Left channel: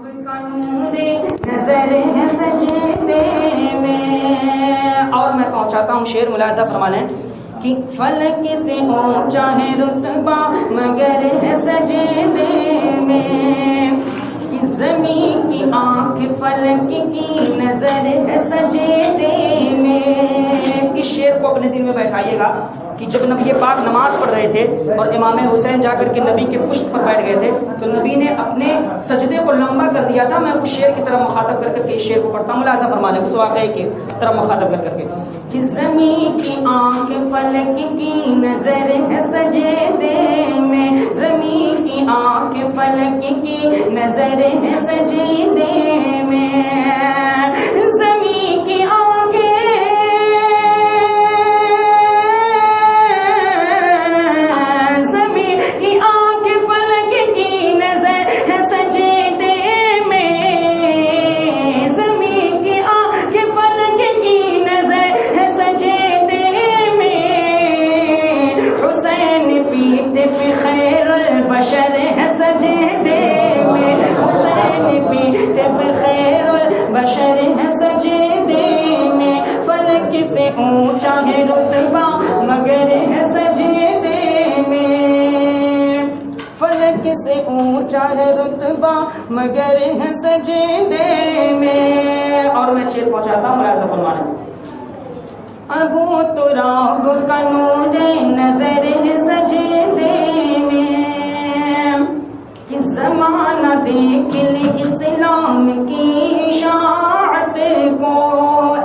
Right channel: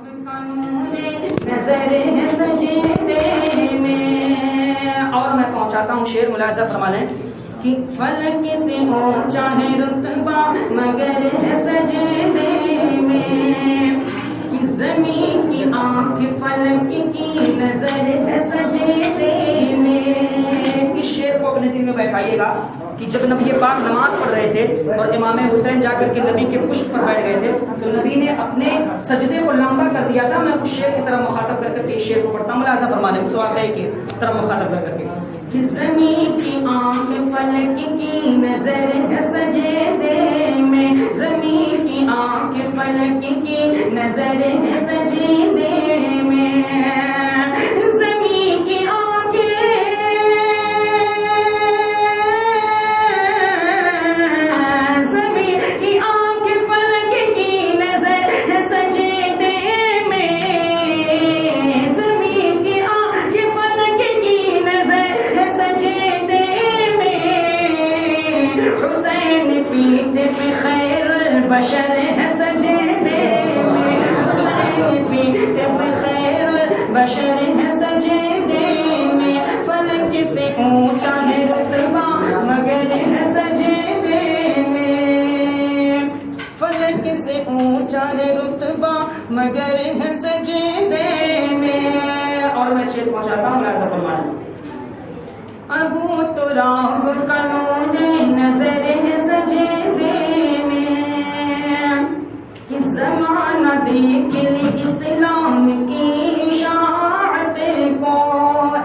اور میں پہنچاتا ہوں شعر، ملاحظہ فرما لیں کہ فلک سے اونچا ہے رتبہ مگر ہے سجدے میں، کہ زمین کی آنکھ فلک کی نظر ہے سجدے میں۔ اس شعر کو اپنے دل میں بیٹھائیے گا کہ جب نبی پاک نماز پڑھ رہے تھے اور امام حسین جا کر کے نبی کے پشت پر بیٹھ گئے تھے تو نبی نے اپنے سجدے کو لمبا کر دیا تھا۔ میں اس شعر کی طرح مخاطب کر کے اس شعر کو پڑھتا ہوں، ملاحظہ فرما لیں اس واقعے کی طرح مخاطب کر کے کہ زمین کی آنکھ فلک کی نظر ہے سجدے میں، زمین کی آنکھ فلک کی نظر ہے سجدے میں، زمین کی بشر ہے سجدے میں، حسین پیٹ پہ خیر البشر ہے سجدے میں، فلک سے اونچا ہے رتبہ مگر ہے سجدے میں، فلک سے اونچا ہے رتبہ مگر ہے سجدے میں۔ اور میں شعر پہنچاتا ہوں، ملاحظہ فرما لیں۔ ابو تراب کا نور نظر ہے سجدے میں، کہ زمانہ دیکھ لے اسلام کی اشاعت کو۔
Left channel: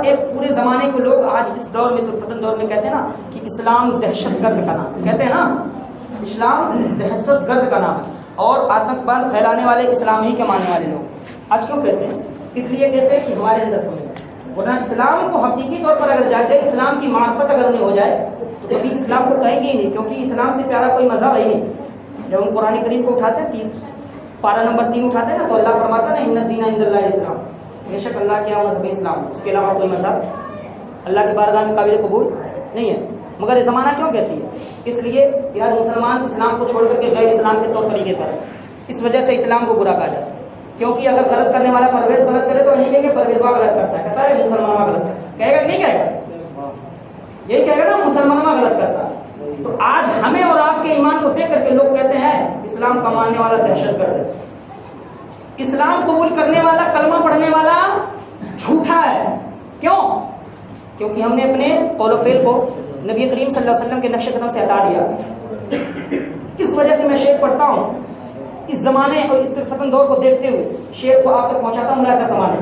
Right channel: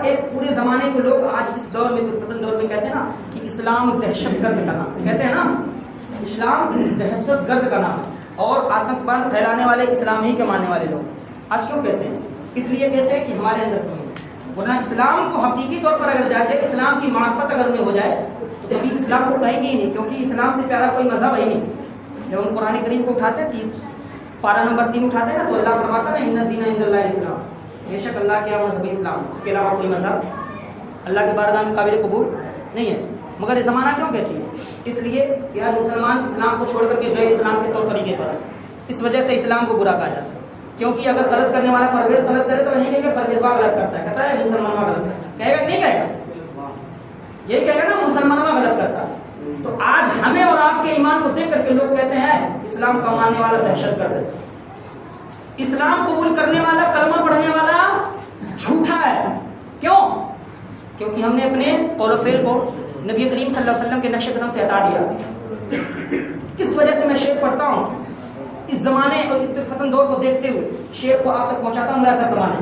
ایک پورے زمانے کو لوگ آج اس دور میں فتن دور میں کہتے ہیں نا کہ اسلام دہشت گرد کا نام، کہتے ہیں نا اسلام دہشت گرد کا نام ہے، اور آتنکواد پھیلانے والے اسلام ہی کے ماننے والے لوگ آج کیوں کہتے ہیں؟ اس لیے کہتے ہیں کہ ہمارے اندر کوئی ہے، ورنہ اسلام کو حقیقی طور پر اگر جائے، اسلام کی معرفت اگر انہیں ہو جائے تو کبھی اسلام کو کہیں گے ہی نہیں، کیونکہ اسلام سے پیارا کوئی مذہب ہی نہیں۔ جب ہم قرآن کریم کو اٹھاتے ہیں، پارہ نمبر 3 اٹھاتے ہیں نا، تو اللہ فرماتا ہے نا ان الدین عند اللہ الاسلام، بے شک اللہ کیا مذہب اسلام، اس کے علاوہ کوئی مذہب اللہ کی بارگاہ میں قابل قبول نہیں ہے۔ مگر یہ زمانہ کیوں کہتی ہے؟ اس لیے کہ یار مسلمان اسلام کو چھوڑ کر کے غیر اسلام کے طور طریقے پر ہے، اس وجہ سے اسلام کو برا کہا جاتا ہے۔ کیونکہ اگر غلط کرنے والا پرویز غلط کرے تو نہیں کہیں گے پرویزوا غلط کرتا ہے، کہتا ہے مسلمانوں غلط کرتا ہے، کہے گا نہیں کہے گا؟ یہی کہے گا نا مسلمانوں غلط کرتا ہے۔ تو آج ہمیں اور آپ کے ایمان کو دیکھ کر کے لوگ کہتے ہیں اسلام کا ماننے والا دہشت گرد ہے، اسلام قبول کرنے والا کلمہ پڑھنے والا جھوٹا ہے۔ کیوں؟ کیونکہ ہم نے اپنے قول و فعل کو نبی کریم صلی اللہ علیہ وسلم کے نقش قدم سے ہٹا دیا۔ اس وجہ سے میں شعر پڑھتا ہوں، اس زمانے اور اس فتن دور کو دیکھتے ہوئے شعر کو آپ تک پہنچاتا ہوں، ملاحظہ فرمائیں۔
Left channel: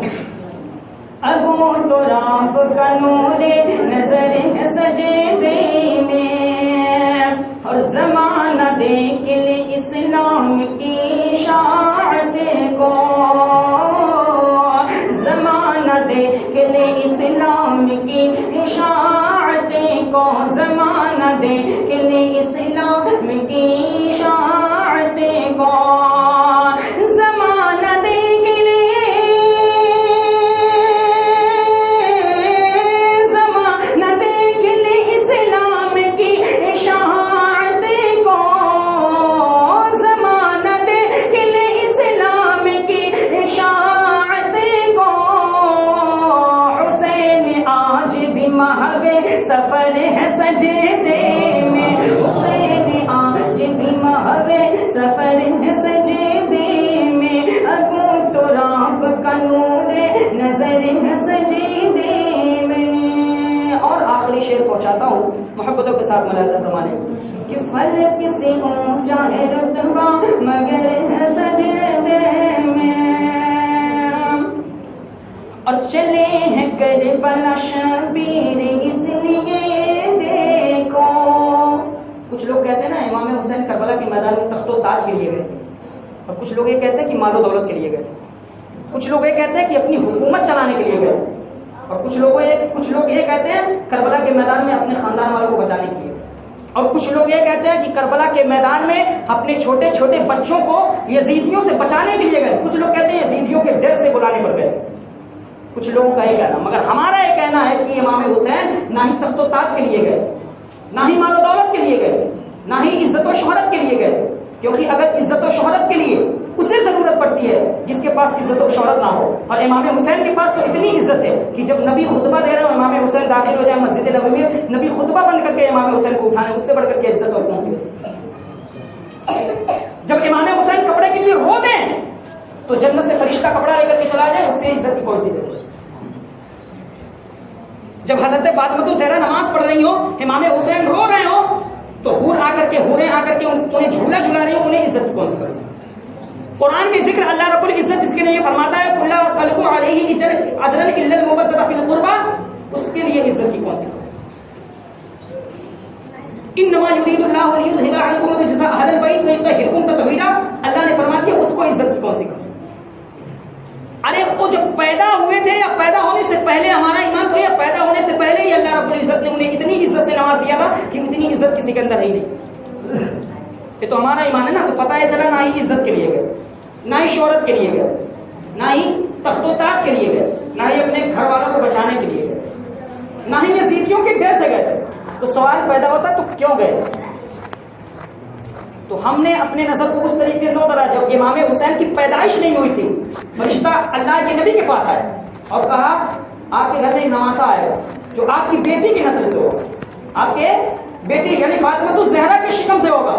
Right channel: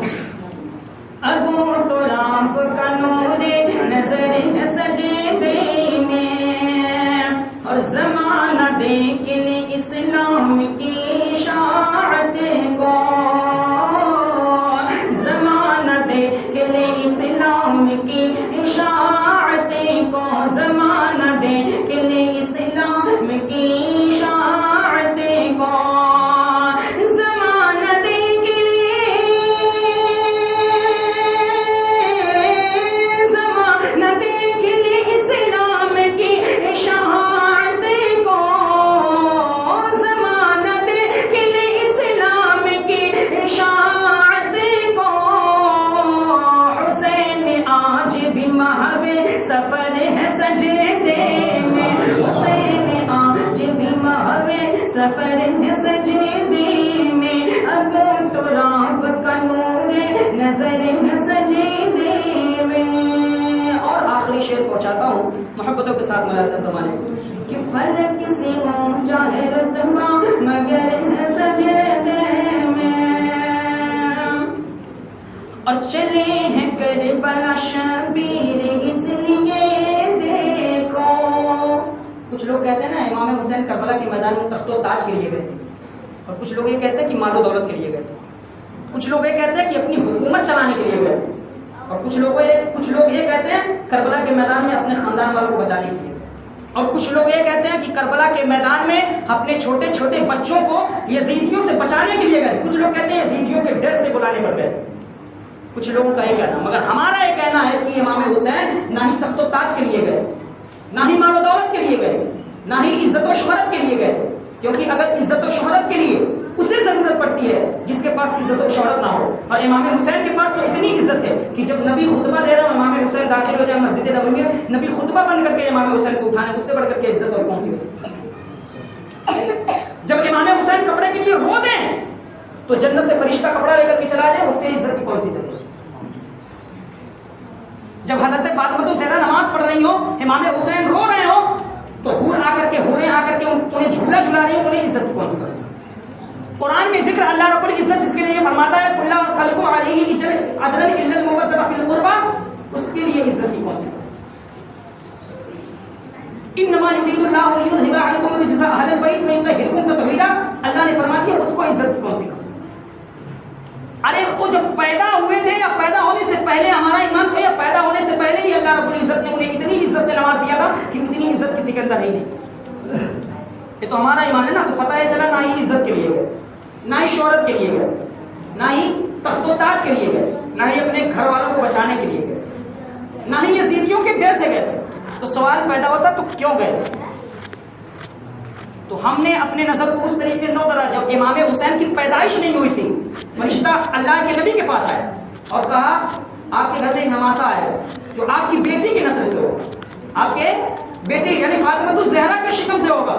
ابو تراب کا نور نظر ہے سجدے میں، اور زمانہ دیکھ لے اسلام کی اشاعت کو، زمانہ دیکھ لے اسلام کی اشاعت کو، زمانہ دیکھ لے اسلام کی اشاعت کو، زمانہ دیکھ لے، زمانہ دیکھ لے اسلام کی اشاعت کو، زمانہ دیکھ لے اسلام کی اشاعت کو، حسین آج بھی محو سفر ہے سجدے میں، حسین آج بھی محو سفر ہے سجدے میں، ابو تراب کا نور نظر ہے سجدے میں۔ اور آخری شعر پہنچاتا ہوں محبتوں کے ساتھ، ملاحظہ فرمائیں کہ فلک سے اونچا ہے رتبہ مگر ہے سجدے میں، اور چلے ہیں کربلا شبیر اس لیے دیکھو۔ کچھ لوگ کہتے ہیں نا امام حسین کربلا کے میدان میں تخت و تاج کے لیے گئے تھے، اور کچھ لوگ یہ کہتے ہیں کہ مال و دولت کے لیے گئے تھے، کچھ لوگ یہ کہتے ہیں کہ اپنی حکومت چلانے کے لیے گئے تھے، اور کچھ لوگ یہ کہتے ہیں کربلا کے میدان میں اپنے خاندان والوں کو بچانے کے لیے، اور کچھ لوگ یہ کہتے ہیں کہ کربلا کے میدان میں اپنے چھوٹے چھوٹے بچوں کو یزیدیوں سے بچانے کے لیے گئے، کچھ لوگ کہتے ہیں یزیدیوں کے ڈر سے بلانے پر گئے، کچھ لوگوں کا یہ کہنا۔ مگر ہمارا یہ کہنا ہے کہ امام حسین نہ ہی تخت و تاج کے لیے گئے، نہ ہی مال و دولت کے لیے گئے، نہ ہی عزت و شہرت کے لیے گئے، کیونکہ اگر عزت و شہرت کے لیے اسے ضرورت پڑتی ہے جس کے پاس عزت و شہرت نہ ہو. اور امام حسین کے پاس تو اتنی عزت ہے کہ جب نبی خطبہ دے رہے ہو امام حسین داخل ہو جائے مسجد نبوی میں, نبی خطبہ بند کر کے امام حسین کو اٹھانے, اس سے بڑھ کر کے عزت اور کون سی ہو سکتی ہے. جب امام حسین کپڑے کے لیے رو دیں تو جنت سے فرشتہ کپڑا لے کر کے چلا جائے, اس سے عزت کی کون سی ضرورت. جب حضرت فاطمہ الزہرا نماز پڑھ رہی ہو, امام حسین رو رہے ہو, تو حوریں آ کر کے انہیں جھولا جھلا رہی ہوں, انہیں عزت کون سی کرے. قرآن میں ذکر اللہ رب العزت جس کے لیے فرماتا ہے کُلَّ وَاسْأَلُكُمْ عَلَيْهِ أَجْرًا إِلَّا الْمُوَدَّةَ فِي الْقُرْبَى, اس کے لیے عزت کی کون سی کرے. انما یرید اللہ لیذھب عنکم الرجس اہل البیت ویطہرکم تطہیرا, اللہ نے فرما دیا اس کو عزت کی کون سی کرے. ارے وہ جب پیدا ہوئے تھے یا پیدا ہونے سے پہلے ہمارا ایمان تھا, یا پیدا ہونے سے پہلے ہی اللہ رب العزت نے انہیں اتنی عزت سے نواز دیا تھا کہ اتنی عزت کسی کے اندر ہے ہی نہیں. یہ تو ہمارا ایمان ہے نا. تو پتہ ہے چلا نہ ہی عزت کے لیے گئے, نہ ہی شہرت کے لیے گئے, نہ ہی تخت و تاج کے لیے گئے, نہ ہی اپنے گھر والوں کو بچانے کے لیے گئے, نہ ہی یزیدیوں کے ڈر سے گئے تھے. تو سوال پیدا ہوتا تو کیوں گئے تھے. تو ہم نے اپنے نظر کو اس طریقے نو کرا. جب امام حسین کی پیدائش نہیں ہوئی تھی, فرشتہ اللہ کے نبی کے پاس آئے اور کہا آپ کے گھر میں ایک نماسا آئے گا جو آپ کی بیٹی کی نسل سے ہوگا, آپ کے بیٹی یعنی فاطمہ الزہرا کے شکم سے ہوگا,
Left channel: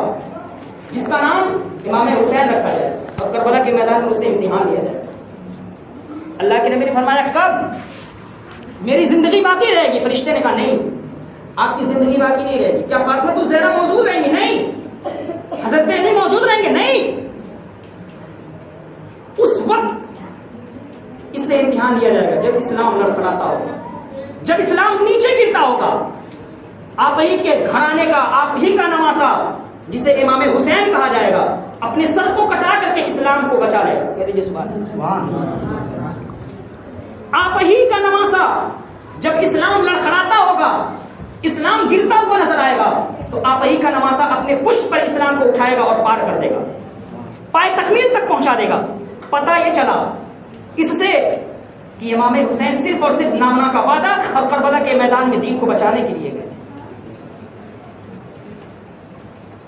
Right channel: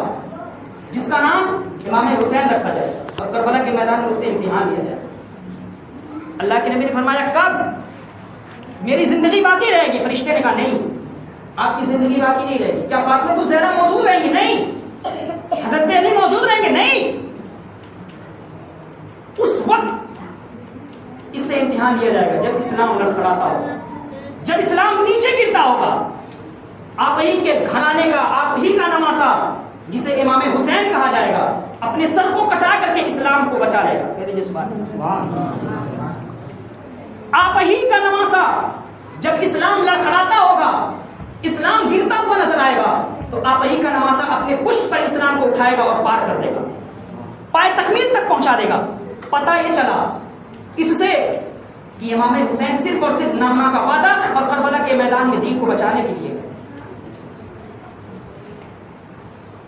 جس کا نام امام حسین رکھا جائے اور کربلا کے میدان میں اسے امتحان لیا جائے. اللہ کے نبی نے فرمایا کب, میری زندگی باقی رہے گی. فرشتے نے کہا نہیں, آپ کی زندگی باقی نہیں رہے گی. کیا فاطمہ الزہرا موجود رہیں گی؟ نہیں. حضرت علی موجود رہیں گے؟ نہیں. اس وقت اس سے امتحان لیا جائے گا جب اسلام لڑکھڑاتا ہوگا, جب اسلام نیچے گرتا ہوگا. آپ ہی کے گھرانے کا, آپ ہی کا نواسا جسے امام حسین کہا جائے گا, اپنے سر کو کٹا کر کے اسلام کو بچا لے گا. کہہ دیجیے سبحان اللہ. آپ ہی کا نواسا جب اسلام لڑکھڑاتا ہوگا, اسلام گرتا ہوا نظر آئے گا, تو آپ ہی کا نواسا اپنے پشت پر اسلام کو اٹھائے گا اور پار کر دے گا, پائے تکمیل تک پہنچا دے گا. پتہ یہ چلا اس سے کہ امام حسین صرف اور صرف نامہ کا وعدہ اور کربلا کے میدان میں دین کو بچانے کے لیے گئے,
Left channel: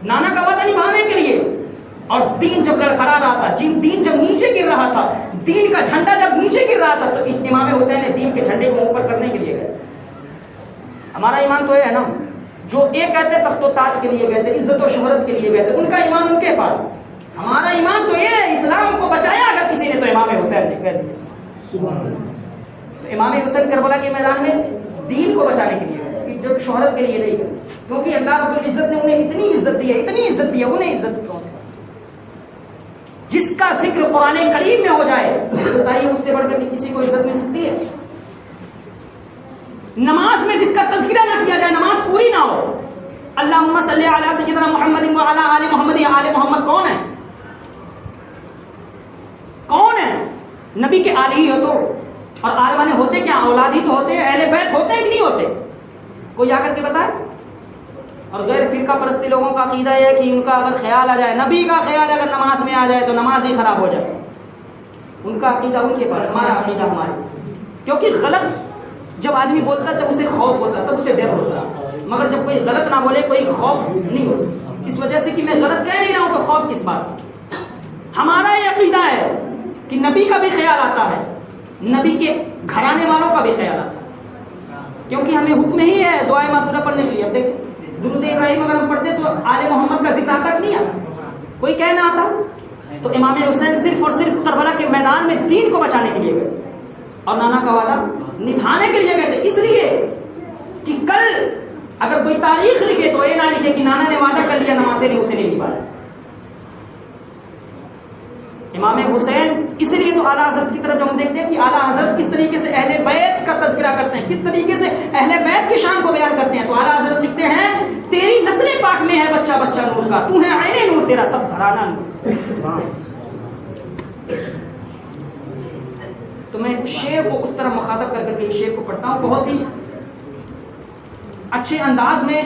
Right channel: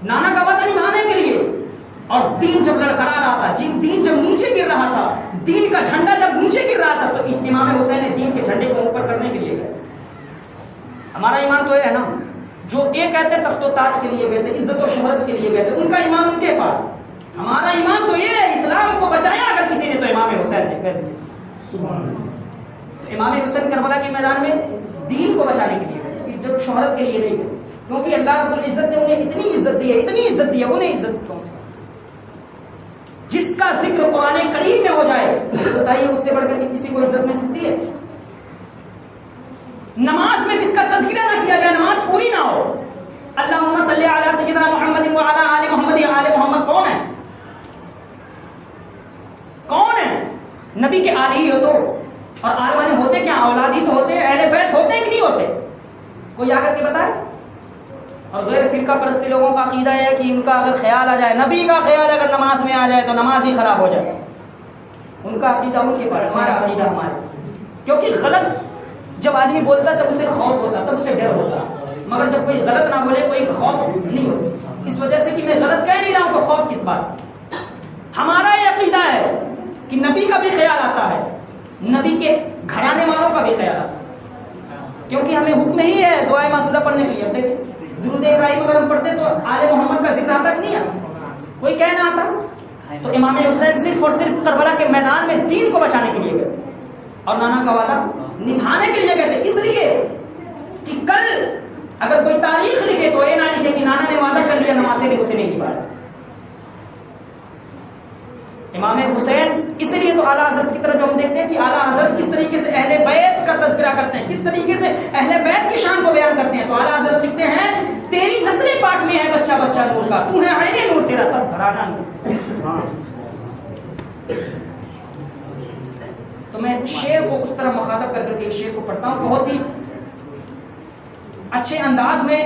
نانا کا وعدہ نبھانے کے لیے. اور دین جب لڑکھڑا رہا تھا, دین جب نیچے گر رہا تھا, دین کا جھنڈا جب نیچے گر رہا تھا, تو اس امام حسین نے دین کے جھنڈے کو اوپر کرنے کے لیے گئے. ہمارا ایمان تو ہے نا, جو ایک کہتے ہیں تخت و تاج کے لیے گئے تھے, عزت و شہرت کے لیے گئے تھے, ان کا ایمان ان کے پاس. ہمارا ایمان تو یہ ہے اسلام کو بچایا اگر کسی نے تو امام حسین نے کہہ دیا. تو امام حسین کربلا کے میدان میں دین کو بچانے کے لیے گئے, جب شہرت کے لیے نہیں گئے, کیونکہ اللہ رب العزت نے انہیں اتنی عزت دی ہے, اتنی عزت دی ہے. انہیں عزت کون سی, جس کا ذکر قرآن کریم میں ہو جائے, بتائیے اس سے بڑھ کر کسی کو عزت مل سکتی ہے؟ نماز میں جس کا تذکرہ نہ کیا جائے, نماز پوری نہ ہو. اللہم صلی علی سیدنا محمد وعلی آل محمد. آل محمد کون ہے؟ کون ہے؟ نبی کے آل ہی ہو تو. اور آل والے ہوتے کیا؟ اولاد ہی تو ہوتے ہیں, اہل بیت ہوتے ہیں کہ نہیں ہوتے؟ کوئی آ کر کے بتائے. اور غیر فرقہ پرستی لوگوں کا عقیدہ ہے کہ ان کا اگر خیال آ جائے, نبی کا خیال اگر نماز میں آ جائے تو نماز ہی خراب ہو جائے. ان کا عقیدہ ان کے پاس, ہمارا عقیدہ ہمارے. کیونکہ غلط جب آدمی بولتا تب اسے خوف ہوتا, تب اسے ڈر ہوتا, مگر جب کوئی غلط نہ بولے کوئی خوف نہیں ہوتا. اس وجہ سے کہ میں غلط کہہ نہیں رہا ہوں تو خوف کس بات. ہمارا یہ عقیدہ ہے کہ نبی کا بھی خیال آتا ہے, نبی کے گھرانے والوں کا بھی خیال آتا ہے, کیونکہ ہمیں حکم ہی ہے دعائے معصورہ پڑھنے کے لیے. اب دیکھیں درود ابراہیم اگر ہم پڑھتے تو آل محمد کا ذکر آتا کہ نہیں آتا؟ کوئی کہنا آتا. تو امام حسین صرف اور صرف کربلا کے میدان میں دین کو بچانے کے لیے گئے اور نانا کا وعدہ نبھانے کے لیے گئے تھے. اس لیے کہ کل اگر کوئی تاریخ لکھے تو یہ نہ لکھے کہ نانا نے وعدہ کر لیا, نمازیں نے اسے نہیں نبھایا. امام حسین اس لیے تو اعلیٰ حضرت کی طرف جو ہم دیکھتے ہیں کہ اعلیٰ حضرت کس طریقے سے اہل بیت کا تذکرہ کرتے ہیں, کس طریقے سے اہل بیت کی شان کو بیان کرتے ہیں. تو اعلیٰ حضرت لکھتے ہیں تیری نسل پاک میں ہے بچہ بچہ نور کا, تو ہے عین نور, تیرا سب گھرانہ نور. تو میں شعر کو اس طرح مخاطب کر کے اس شعر کو پڑھتا ہوں, بہت ہی اچھے انداز میں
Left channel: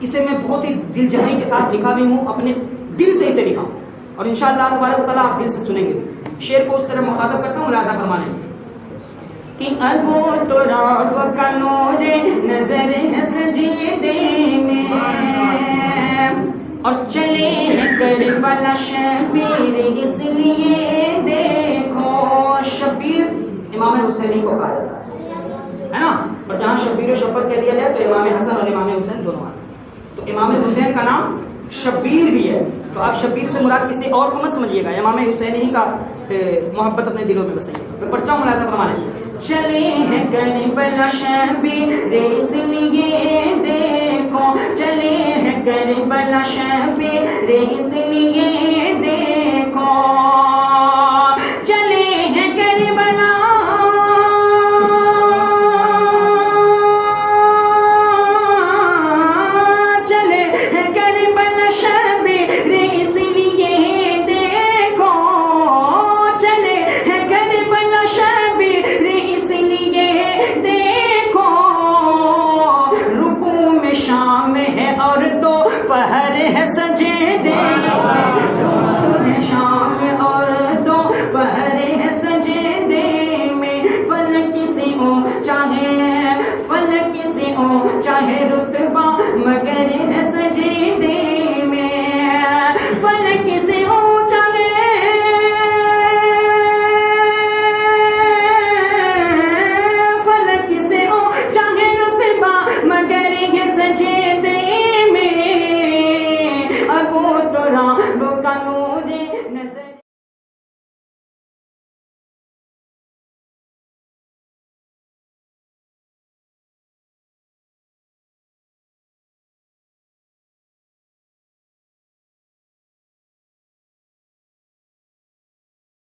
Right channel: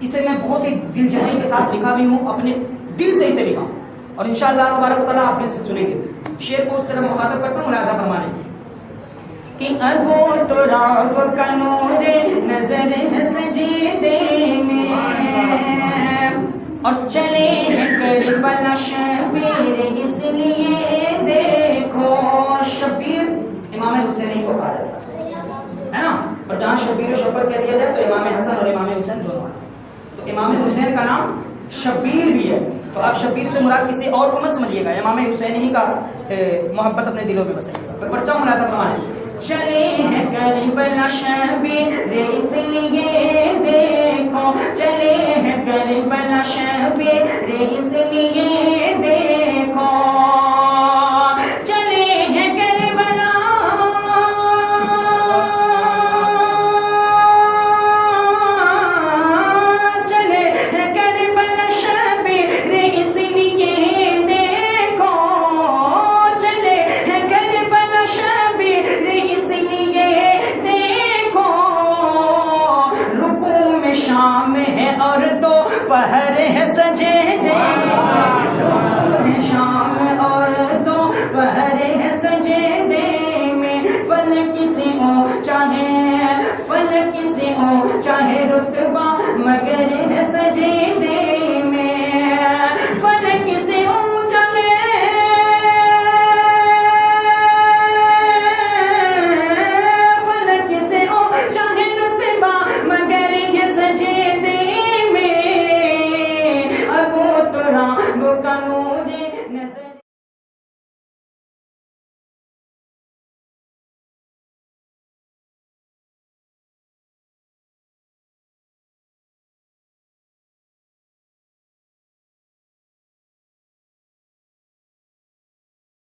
اسے میں بہت ہی دل جمعی کے ساتھ لکھا بھی ہوں, اپنے دل سے اسے لکھا ہوں, اور انشاءاللہ تبارک و تعالیٰ آپ دل سے سنیں گے. شعر کو اس طرح مخاطب کرتا ہوں ملاحظہ فرمانے کہ ابو تراب کا نور نظر ہے سجدے میں, اور چلے ہیں کربلا شبیر اس لیے دیکھو. شبیر امام حسین کو کہا جاتا ہے نا, اور جہاں شبیر و شبر کہہ دیا جائے تو امام حسن اور امام حسین دونوں آتے ہیں. تو امام حسین کا نام شبیر بھی ہے, تو آپ شبیر سے مراد کسی اور کو مت سمجھیے گا, امام حسین ہی کا محبت اپنے دلوں میں بسائیے گا. پرچہ ملازم فرمانے چلے ہیں کربلا شبیر اس لیے دیکھو, چلے ہیں کربلا شبیر اس لیے دیکھو, چلے ہیں کربلا چلے ہیں کربلا شبیر اس لیے دیکھو, چلے ہیں کربلا شبیر اس لیے دیکھو. رکوع میں شام ہے اور دوپہر ہے سجدے میں, رکوع میں شام اور دوپہر ہے سجدے میں. فلک سے اونچا ہے, فلک سے اونچا ہے رتبہ مگر ہے سجدے